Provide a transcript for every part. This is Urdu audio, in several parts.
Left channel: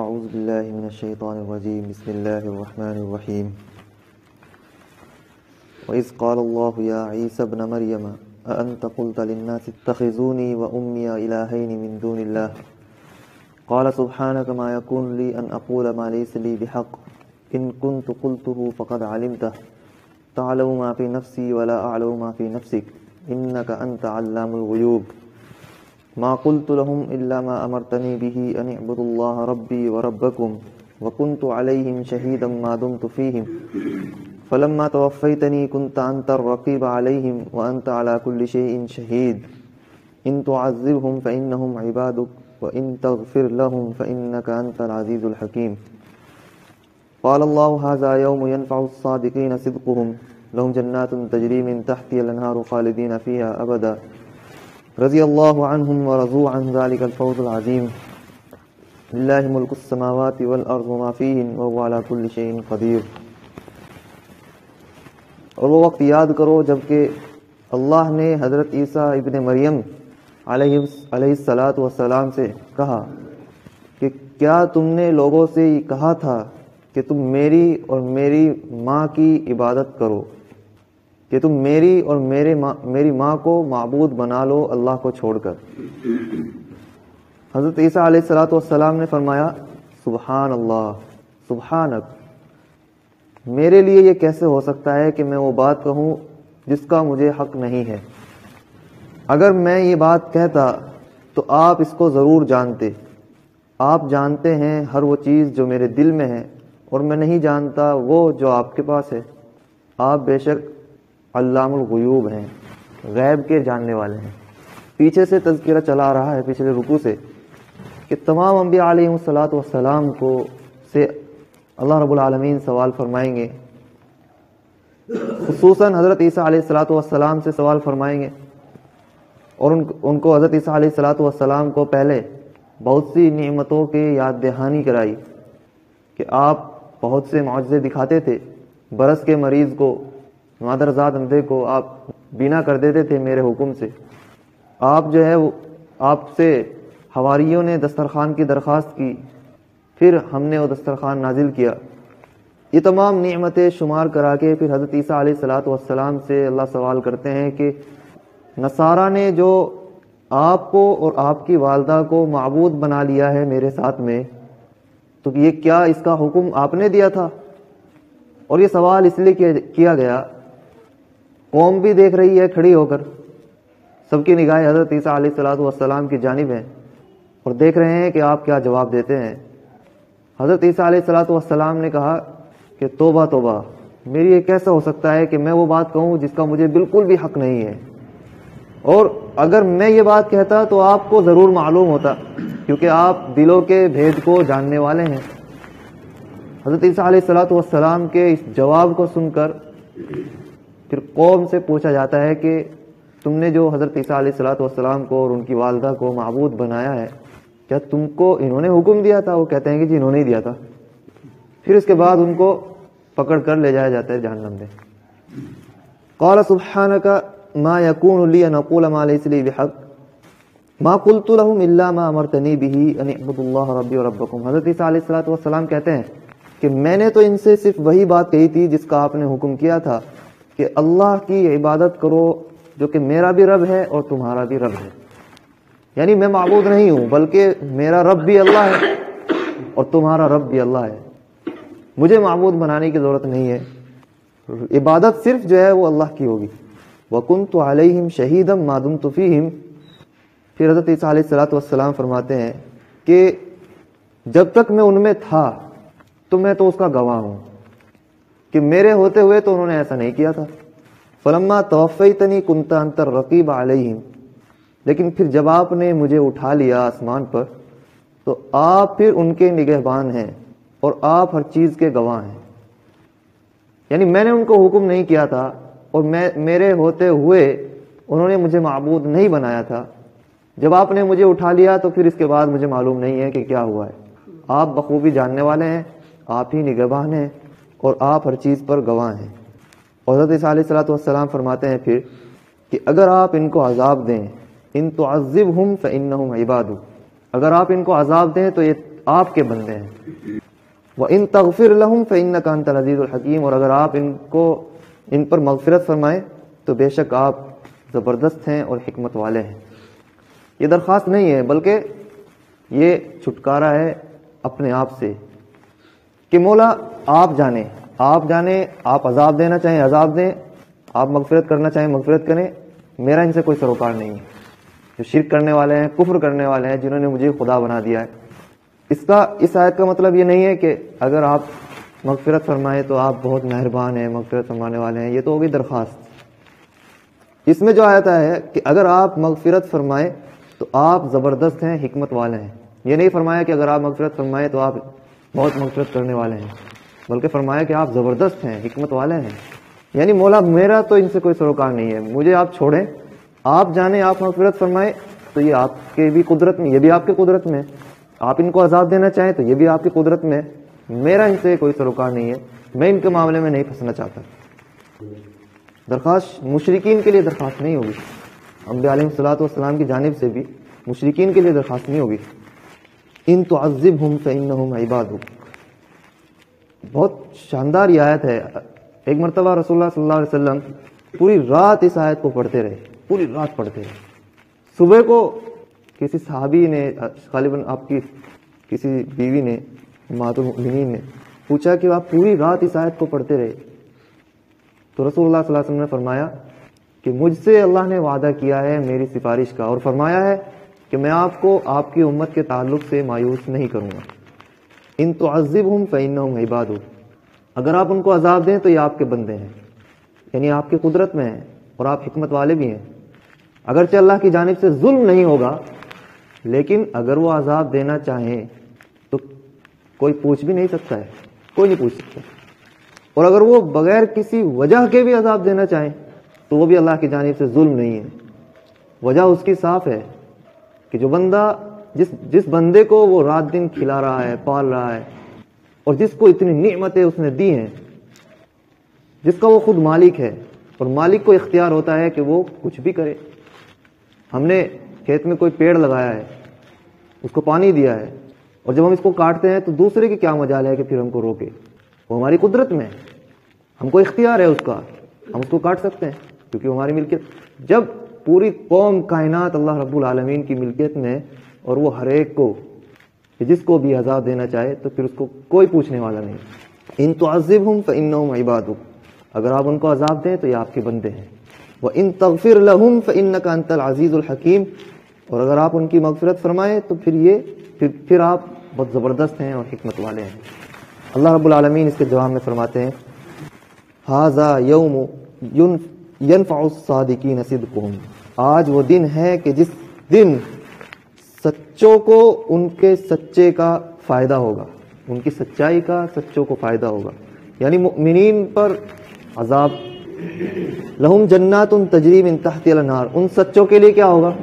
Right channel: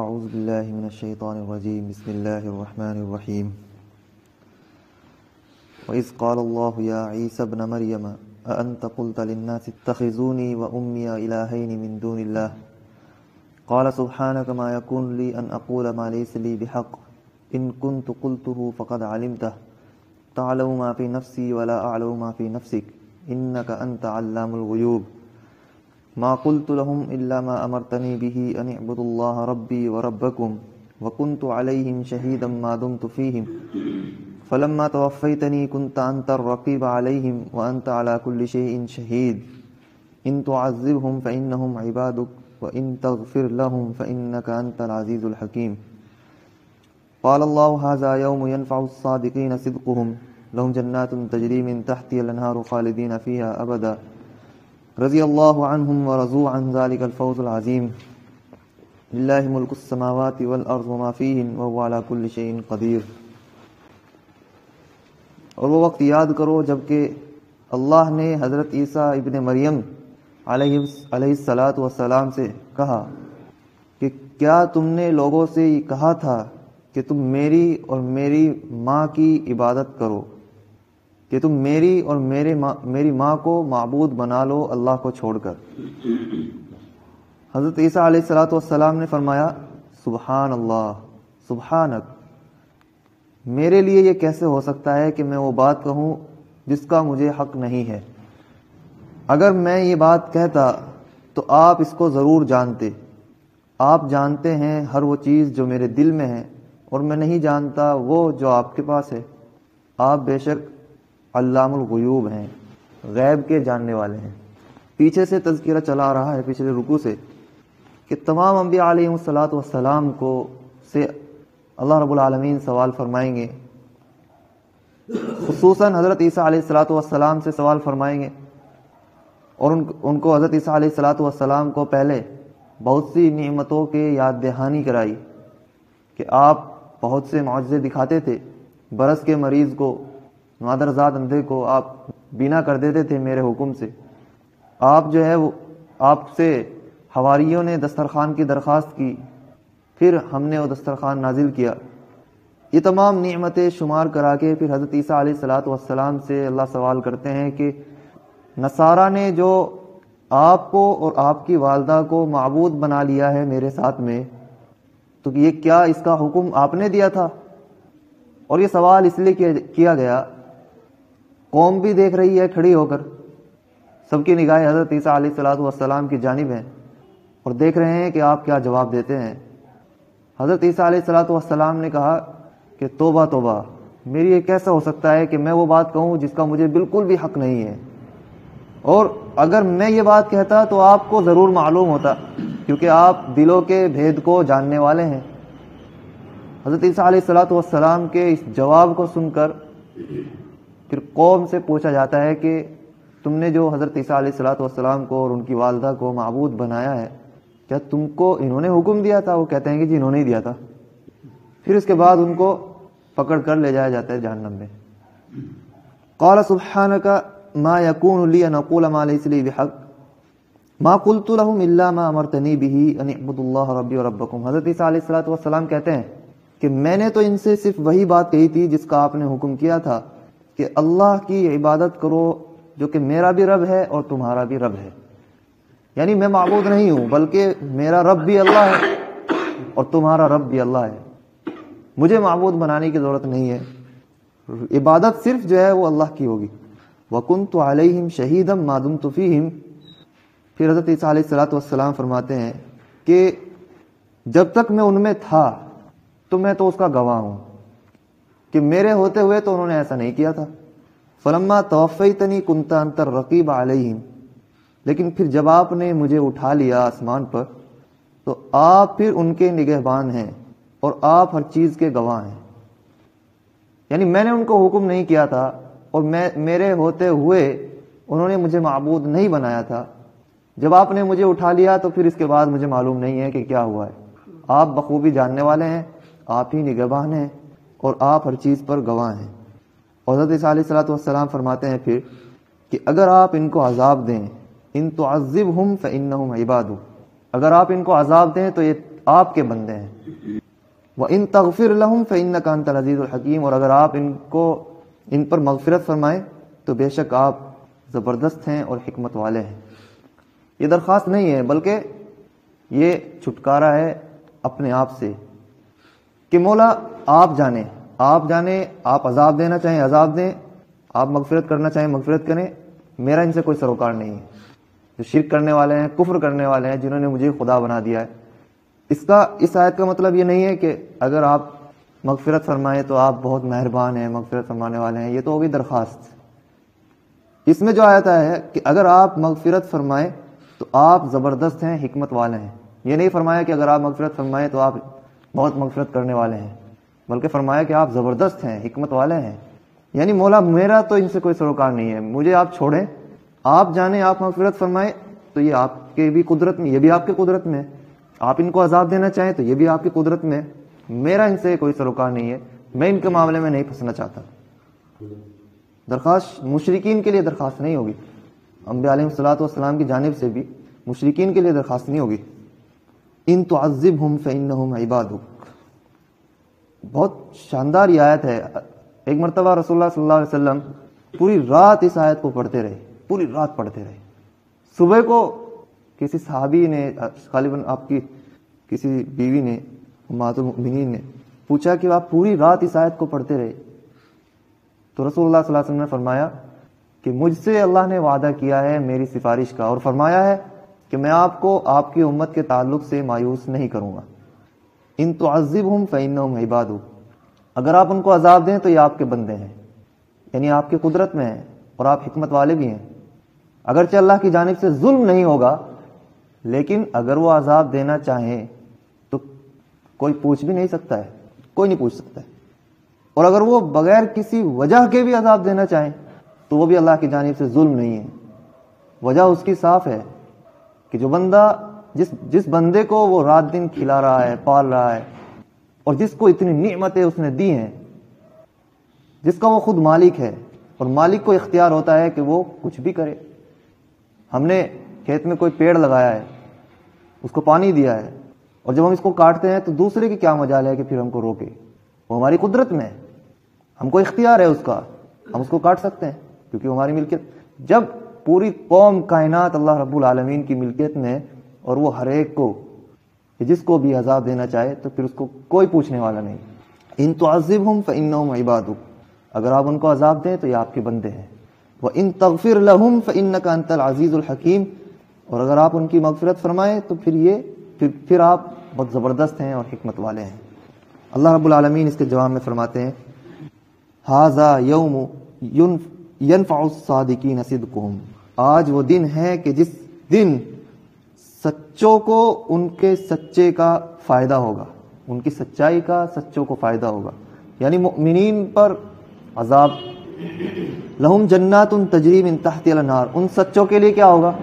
اعوذ باللہ من الشیطان الرجیم بسم اللہ الرحمن الرحیم وَإِذْ قَالَ اللَّهُ يَا عِيسَى ابْنَ مَرْيَمَ أَأَنْتَ قُلْتَ لِلنَّاسِ اتَّخِذُونِي وَأُمِّيَ إِلَٰهَيْنِ مِن دُونِ اللَّهِ قَالَ سُبْحَانَكَ مَا يَكُونُ لِي أَنْ أَقُولَ مَا لَيْسَ لِي بِحَقٍّ إِن كُنتُ قُلْتُهُ فَقَدْ عَلِمْتَهُ تَعْلَمُ مَا فِي نَفْسِي وَلَا أَعْلَمُ مَا فِي نَفْسِكَ إِنَّكَ أَنْتَ عَلَّامُ الْغُيُوبِ ما قلت لهم إلا ما أمرتني به أن اعبدوا الله ربي وربكم وكنت عليهم شهيدا ما دمت فيهم فلما توفيتني كنت أنت الرقيب عليهم وأنت على كل شيء شهيد إن تعذبهم فإنهم عبادك وإن تغفر لهم فإنك أنت العزيز الحكيم قال الله هذا يوم ينفع الصادقين صدقهم لهم جنات تجري من تحتها الأنهار خالدين فيها أبدا رضی اللہ عنہم ورضوا عن ذلك الفوز العظیم للہ ملک السماوات والارض وما فیہن وهو على كل شیء قدیر۔ اور وہ وقت یاد کرو جبکہ اللہ نے حضرت عیسیٰ ابن مریم علیہ السلام سے کہا کہ کیا تم نے لوگوں سے یہ کہا تھا کہ تم میری اور میری ماں کی عبادت کرو، کہ تم میری اور میری ماں کو معبود بنا لو اللہ کو چھوڑ کر۔ حضرت عیسیٰ علیہ السلام نے فرمایا سبحان اللہ، سبحانک، میرے لیے یہ کیسے ہو سکتا ہے کہ میں وہ بات کہوں جس کا مجھے حق نہیں ہے؟ اگر میں یہ بات کہتا تو آپ اس کو ضرور جانتے، آپ جانتے ہیں ہر وہ چیز جو میرے دل میں ہے اور میں نہیں جانتا وہ جو آپ کے پاس ہے۔ آپ بے شک علام الغیوب ہیں، غیب کے جاننے والے ہیں۔ پیچھے سے تذکرہ چلا رہا ہے پچھلے رکوع سے کہ تمام انبیاء علیہ السلام کو سے اللہ رب العالمین سوال فرمائیں گے، خصوصاً حضرت عیسیٰ علیہ السلام سے سوال فرمائیں گے، اور ان کو حضرت عیسیٰ علیہ السلام کو پہلے بہت سی نعمتوں کے یاد دہانی کرائی کہ آپ بہت سے معجزے دکھاتے تھے، برس کے مریض کو، مادرزاد اندھے کو آپ بینا کر دیتے تھے میرے حکم سے۔ آپ جو ہے وہ آپ سے حواریوں نے دسترخوان کی درخواست کی، پھر ہم نے وہ دسترخوان نازل کیا۔ یہ تمام نعمتیں شمار کرا کے پھر حضرت عیسیٰ علیہ السلام سے اللہ سوال کرتے ہیں کہ نصارہ نے جو آپ کو اور آپ کی والدہ کو معبود بنا لیا ہے میرے ساتھ میں، تو یہ کیا اس کا حکم آپ نے دیا تھا؟ اور یہ سوال اس لیے کیا گیا، قوم بھی دیکھ رہی ہے کھڑی ہو کر، سب کی نگاہیں حضرت عیسیٰ علیہ السلام کی جانب ہیں اور دیکھ رہے ہیں کہ آپ کیا جواب دیتے ہیں۔ حضرت عیسیٰ علیہ السلام نے کہا کہ توبہ توبہ، میری یہ کیسا ہو سکتا ہے کہ میں وہ بات کہوں جس کا مجھے بالکل بھی حق نہیں ہے، اور اگر میں یہ بات کہتا تو آپ کو ضرور معلوم ہوتا کیونکہ آپ دلوں کے بھید کو جاننے والے ہیں۔ حضرت عیسیٰ علیہ السلام کے اس جواب کو سن کر پھر قوم سے پوچھا جاتا ہے کہ تم نے جو حضرت عیسیٰ علیہ السلام کو اور ان کی والدہ کو معبود بنایا ہے، کیا تم کو انہوں نے حکم دیا تھا؟ وہ کہتے ہیں کہ جی انہوں نے ہی دیا تھا۔ پھر اس کے بعد ان کو پکڑ کر لے جایا جاتا ہے جہنم میں۔ قال سبحانک ما یکون لی ان اقول ما لیس لی بحق ما قلت لهم الا ما امرتنی به ان اعبدوا اللہ ربی وربکم۔ حضرت عیسیٰ علیہ السلام کہتے ہیں کہ میں نے تو ان سے صرف وہی بات کہی تھی جس کا آپ نے حکم کیا تھا کہ اللہ کی عبادت کرو جو کہ میرا بھی رب ہے اور تمہارا بھی رب ہے، یعنی میں معبود نہیں ہوں بلکہ میرا رب بھی اللہ ہے اور تمہارا رب بھی اللہ ہے، مجھے معبود بنانے کی ضرورت نہیں ہے، عبادت صرف جو ہے وہ اللہ کی ہوگی۔ وَكُنْتُ عَلَيْهِمْ شَهِيدًا مَا دُمْتُ فِيهِمْ۔ پھر حضرت عیسیٰ علیہ السلام فرماتے ہیں کہ جب تک میں ان میں تھا تو میں تو اس کا گواہ ہوں کہ میرے ہوتے ہوئے تو انہوں نے ایسا نہیں کیا تھا۔ فلما توفیتنی کنت انت الرقیب علیہم، لیکن پھر جب آپ نے مجھے اٹھا لیا آسمان پر تو آپ پھر ان کے نگہبان ہیں اور آپ ہر چیز کے گواہ ہیں، یعنی میں نے ان کو حکم نہیں کیا تھا اور میرے ہوتے ہوئے انہوں نے مجھے معبود نہیں بنایا تھا، جب آپ نے مجھے اٹھا لیا تو پھر اس کے بعد مجھے معلوم نہیں ہے کہ کیا ہوا ہے۔ آپ بخوبی جاننے والے ہیں، آپ ہی نگہبان ہیں اور آپ ہر چیز پر گواہ ہیں۔ اور حضرت عیسیٰ علیہ السلام فرماتے ہیں پھر کہ اگر آپ ان کو عذاب دیں، ان تعذبہم فإنہم عبادک، اگر آپ ان کو عذاب دیں تو یہ آپ کے بندے ہیں. وَإِن تَغْفِرْ لَهُمْ فَإِنَّكَ أَنْتَ الْعَزِيزُ الْحَكِيمُ. اور اگر آپ ان پر مغفرت فرمائیں تو بے شک آپ زبردست ہیں اور حکمت والے ہیں. یہ درخواست نہیں ہے بلکہ یہ چھٹکارا ہے اپنے آپ سے کہ مولا آپ جانیں، آپ عذاب دینا چاہیں عذاب دیں، آپ مغفرت کرنا چاہیں مغفرت کریں، میرا ان سے کوئی سروکار نہیں ہے. جو شرک کرنے والے ہیں، کفر کرنے والے ہیں، جنہوں نے مجھے خدا بنا دیا ہے. اس آیت کا مطلب یہ نہیں ہے کہ اگر آپ مغفرت فرمائیں تو آپ بہت مہربان ہیں، مغفرت فرمانے والے ہیں. یہ تو ہوگی درخواست. اس میں جو آیت ہے کہ اگر آپ مغفرت فرمائیں تو آپ زبردست ہیں، حکمت والے ہیں. یہ نہیں فرمایا کہ اگر آپ مغفرت فرمائیں تو آپ بہت مغفرت کرنے والے ہیں، بلکہ فرمایا کہ آپ زبردست ہیں، حکمت والے ہیں. یعنی مولا میرا تو ان سے کوئی سروکار نہیں ہے، مجھے آپ چھوڑیں، آپ جانیں، آپ مغفرت فرمائیں تو یہ آپ کے بھی قدرت میں، یہ بھی آپ کے قدرت میں. آپ ان کو عذاب دینا چاہیں تو یہ بھی آپ کی قدرت میں. میرا ان سے کوئی سروکار نہیں ہے، میں ان کے معاملے میں نہیں پھنسنا چاہتا. درخواست مشرکین کے لیے درخواست نہیں ہوگی، انبیاء علیہ الصلوۃ والسلام کی جانب سے بھی مشرکین کے لیے درخواست نہیں ہوگی. ان تعذبہم فانہم عبادک. بہت شاندار یہ آیت ہے. ایک مرتبہ رسول اللہ صلی اللہ علیہ وسلم پوری رات اس آیت کو پڑھتے رہے، پوری رات پڑھتے رہے. صبح کو کسی صحابی نے، غالباً آپ کی کسی بیوی نے، امہات المؤمنین نے پوچھا کہ آپ پوری رات اس آیت کو پڑھتے رہے. تو رسول اللہ صلی اللہ علیہ وسلم نے فرمایا کہ مجھ سے اللہ نے وعدہ کیا ہے میری سفارش کا، اور فرمایا ہے کہ میں آپ کو آپ کی امت کے تعلق سے مایوس نہیں کروں گا. ان تعذبہم فانہم عبادک. اگر آپ ان کو عذاب دیں تو یہ آپ کے بندے ہیں، یعنی آپ کی قدرت میں ہیں اور آپ حکمت والے بھی ہیں. اگرچہ اللہ کی جانب سے ظلم نہیں ہوگا، لیکن اگر وہ عذاب دینا چاہیں تو کوئی پوچھ بھی نہیں سکتا ہے، کوئی نہیں پوچھ سکتا. اور اگر وہ بغیر کسی وجہ کے بھی عذاب دینا چاہیں تو وہ بھی اللہ کی جانب سے ظلم نہیں ہے. وجہ اس کی صاف ہے کہ جو بندہ جس بندے کو وہ رات دن کھلا رہا ہے، پال رہا ہے، اور جس کو اتنی نعمتیں اس نے دی ہیں، جس کا وہ خود مالک ہے، اور مالک کو اختیار ہوتا ہے کہ وہ کچھ بھی کرے. ہم نے کھیت میں کوئی پیڑ لگایا ہے، اس کو پانی دیا ہے، اور جب ہم اس کو کاٹتے ہیں تو دوسرے کی کیا مجال ہے کہ پھر ہم کو روکے؟ وہ ہماری قدرت میں ہے، ہم کو اختیار ہے اس کا، ہم اس کو کاٹ سکتے ہیں کیونکہ ہماری ملکیت. جب پوری قوم کائنات اللہ رب العالمین کی ملکیت میں، اور وہ ہر ایک کو جس کو بھی عذاب دینا چاہے تو پھر اس کو کوئی پوچھنے والا نہیں. ان تعذبہم فانہم عبادک. اگر آپ ان کو عذاب دیں تو یہ آپ کے بندے ہیں. وَإِن تَغْفِرْ لَهُمْ فَإِنَّكَ أَنْتَ الْعَزِيزُ الْحَكِيمُ. اور اگر آپ ان کی مغفرت فرمائیں تو پھر آپ بہت زبردست ہیں اور حکمت والے ہیں. اللہ رب العالمین اس کے جواب میں فرماتے ہیں ھذا یوم ینفع الصادقین صدقہم. آج وہ دن ہے کہ جس دن سچوں کو ان کے سچے کا فائدہ ہوگا، ان کی سچائی کا سچوں کو فائدہ ہوگا. یعنی مؤمنین پر عذاب. لہم جنات تجری من تحتها الانہار. ان سچوں کے لیے کیا ہوگا؟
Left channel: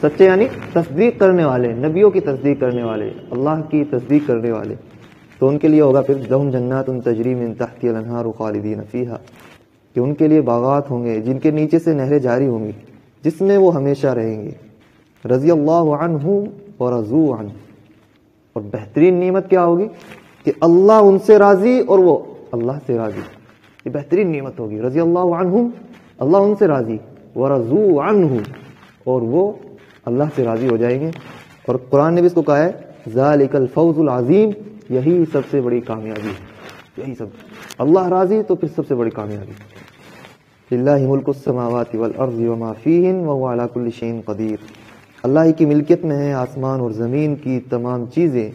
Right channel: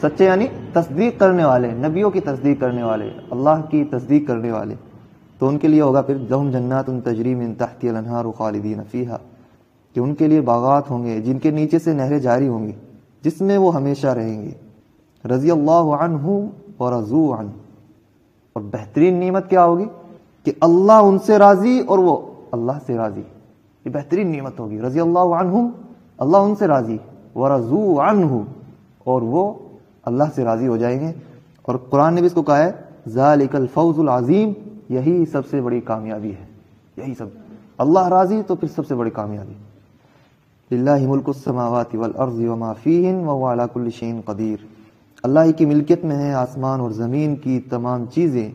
سچے یعنی تصدیق کرنے والے، نبیوں کی تصدیق کرنے والے، اللہ کی تصدیق کرنے والے. تو ان کے لیے ہوگا پھر لہم جنات تجری من تحتها الانہار خالدین فیہا، کہ ان کے لیے باغات ہوں گے جن کے نیچے سے نہریں جاری ہوں گی، جس میں وہ ہمیشہ رہیں گے. رضی اللہ عنہ ورضوا عنہ. اور بہترین نعمت کیا ہوگی کہ اللہ ان سے راضی اور وہ اللہ سے راضی. یہ بہترین نعمت ہوگی. رضی اللہ عنہ، اللہ ان سے راضی، ورضوا عنہ، اور وہ اللہ سے راضی ہو جائیں گے. اور قرآن نے بھی اس کو کہا ہے ذالک الفوز العظیم. یہی سب سے بڑی کامیابی ہے. یہی سب اللہ راضی تو پھر سب سے بڑی کامیابی. للہ ملک السماوات والارض وما فیہن وهو علی کل شیء قدیر. اللہ کی ملکیت میں ہے آسمان اور زمین کی تمام چیزیں،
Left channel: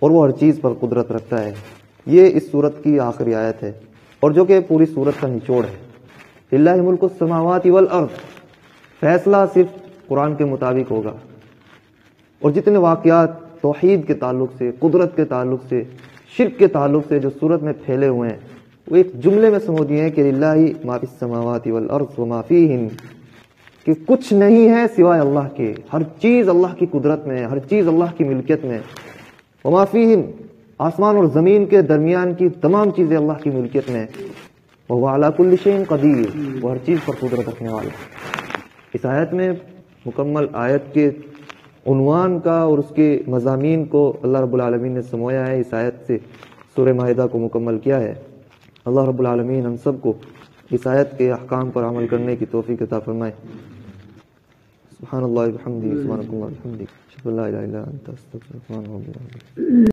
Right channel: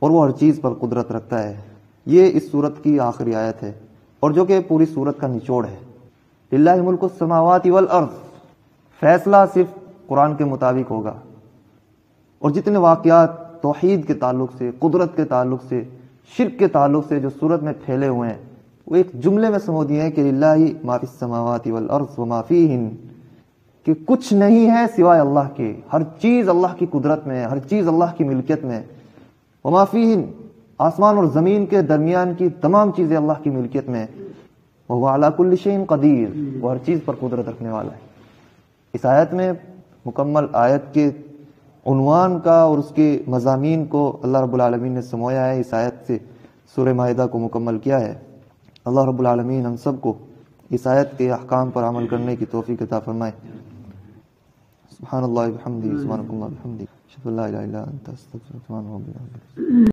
اور وہ ہر چیز پر قدرت رکھتا ہے. یہ اس سورت کی آخری آیت ہے اور جو کہ پوری سورت کا نچوڑ ہے. للہ ملک السماوات والارض. فیصلہ صرف قرآن کے مطابق ہوگا، اور جتنے واقعات توحید کے تعلق سے، قدرت کے تعلق سے، شرک کے تعلق سے جو سورت میں پھیلے ہوئے ہیں وہ ایک جملے میں سمو دیے ہیں کہ للہ ما فی السماوات والارض وما فیہن، کہ کچھ نہیں ہے سوائے اللہ کے. ہر چیز اللہ کی قدرت میں ہے، ہر چیز اللہ کی ملکیت میں. وما فیہن، آسمان اور زمین کے درمیان کی تمام چیزیں اللہ کی ملکیت میں. وہ علی کل شیء قدیر، وہ ہر چیز پر قدرت رکھنے والا. اس آیت میں مکمل آیت کے عنوان کا اور اس کے مضامین کو اللہ رب العالمین نے سمویا ہے، اس آیت سے سورہ مائدہ کو مکمل کیا ہے۔ اللہ رب العالمین ہم سب کو اس آیت کے احکام پر عمل کرنے کی توفیق عطا فرمائے۔ سبحان اللہ وبحمدہ، سبحانک اللہم وبحمدک، اشہد ان لا الہ الا انت، استغفرک و اتوب الیک۔